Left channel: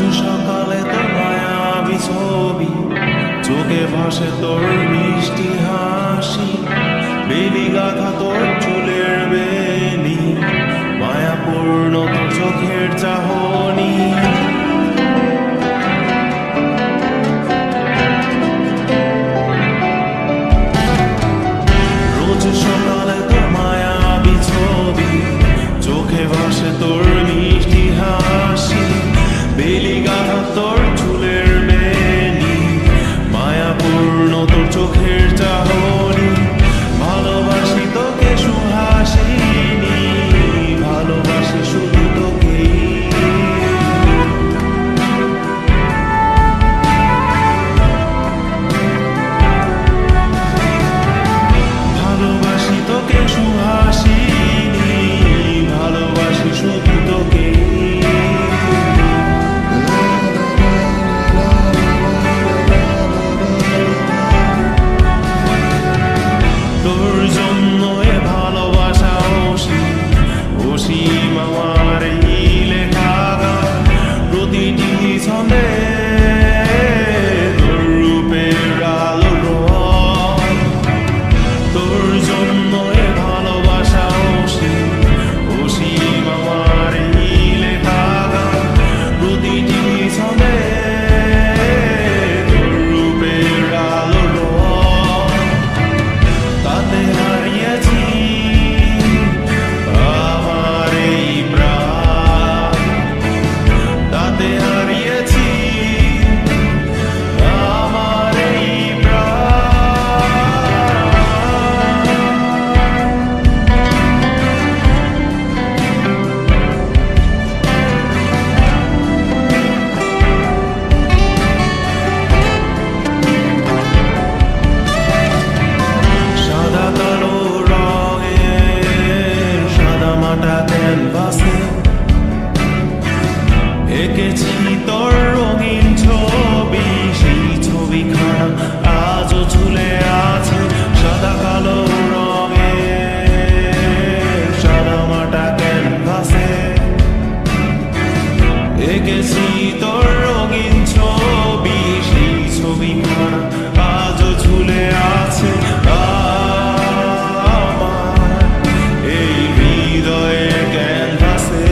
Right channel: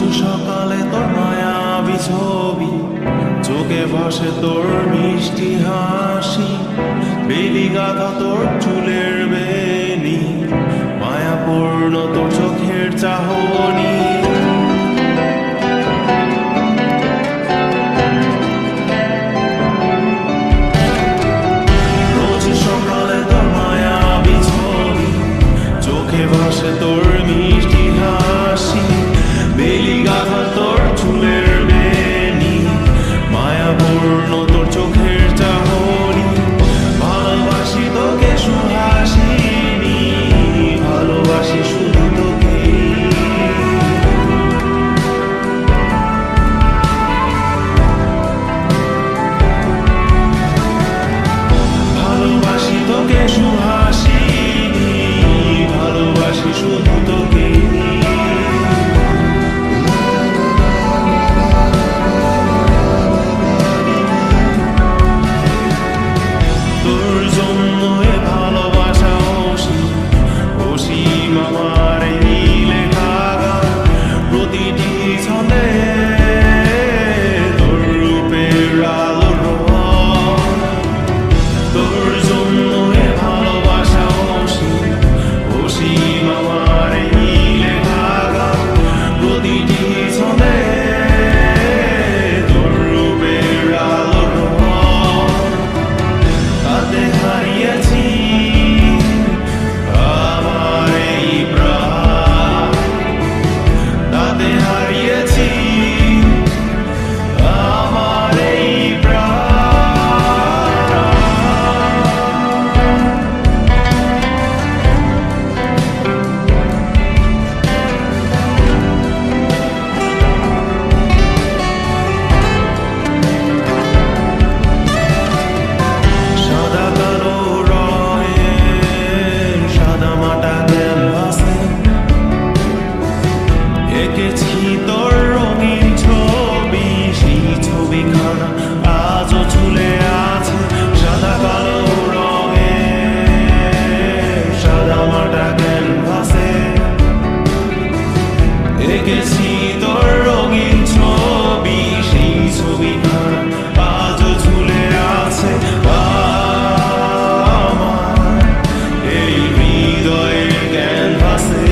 রোজ সকালে তোর মায়াবী ছবি, চোখে ভাসে তোর মিষ্টি হাসি, বেলি গাথা তোর চুলের বেনি, মায়াপূর্ণ তোর চোখের চাহনি। রোজ সকালে তোর মায়াবী ছবি, চোখে ভাসে তোর মিষ্টি হাসি, বেলি গাথা তোর চুলের বেনি, মায়াপূর্ণ তোর চোখের চাহনি। ভালোবাসি তোকে সুহাসিনী, ভালোবাসি শুধু তোকে। ভালোবাসি তোকে সুহাসিনী, ভালোবাসি শুধু তোকে। তোর জন্য এ ভালোবাসা অসীম, অসীম আমার এই লেখা গান, প্রতিটি ছন্দে তোর রূপের আলো রং। তোর জন্য এ ভালোবাসা অসীম, অসীম আমার এই লেখা গান, প্রতিটি ছন্দে তোর রূপের আলো রং। তাতে হারিয়েছি আমার এই প্রাণ, তাতে হারিয়েছি আমার এই প্রাণ। সাদা কালো রঙের সাদা মাটা ক্যানভাসে এঁকেছি তোর রঙিন ছবি, সেই ছবিখানা আজও ঝুলে আছে। সাদা কালো রঙের সাদা মাটা ক্যানভাসে এঁকেছি তোর রঙিন ছবি, সেই ছবিখানা আজও ঝুলে আছে আমার এই হৃদয়ের ক্যানভাসে।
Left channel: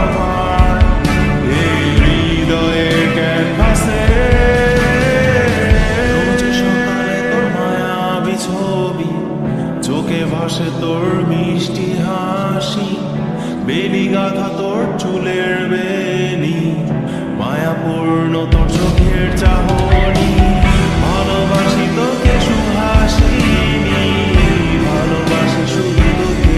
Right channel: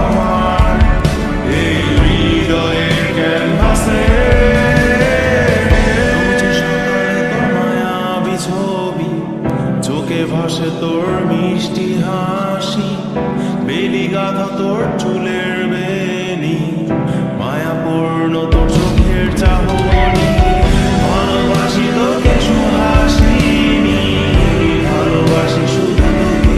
আমার এই হৃদয়ের ক্যানভাসে। রোজ সকালে তোর মায়াবী ছবি, চোখে ভাসে তোর মিষ্টি হাসি, বেলি গাথা তোর চুলের বেনি, মায়াপূর্ণ তোর চোখের চাহনি। ভালোবাসি তোকে সুহাসিনী, ভালোবাসি শুধু তোকে।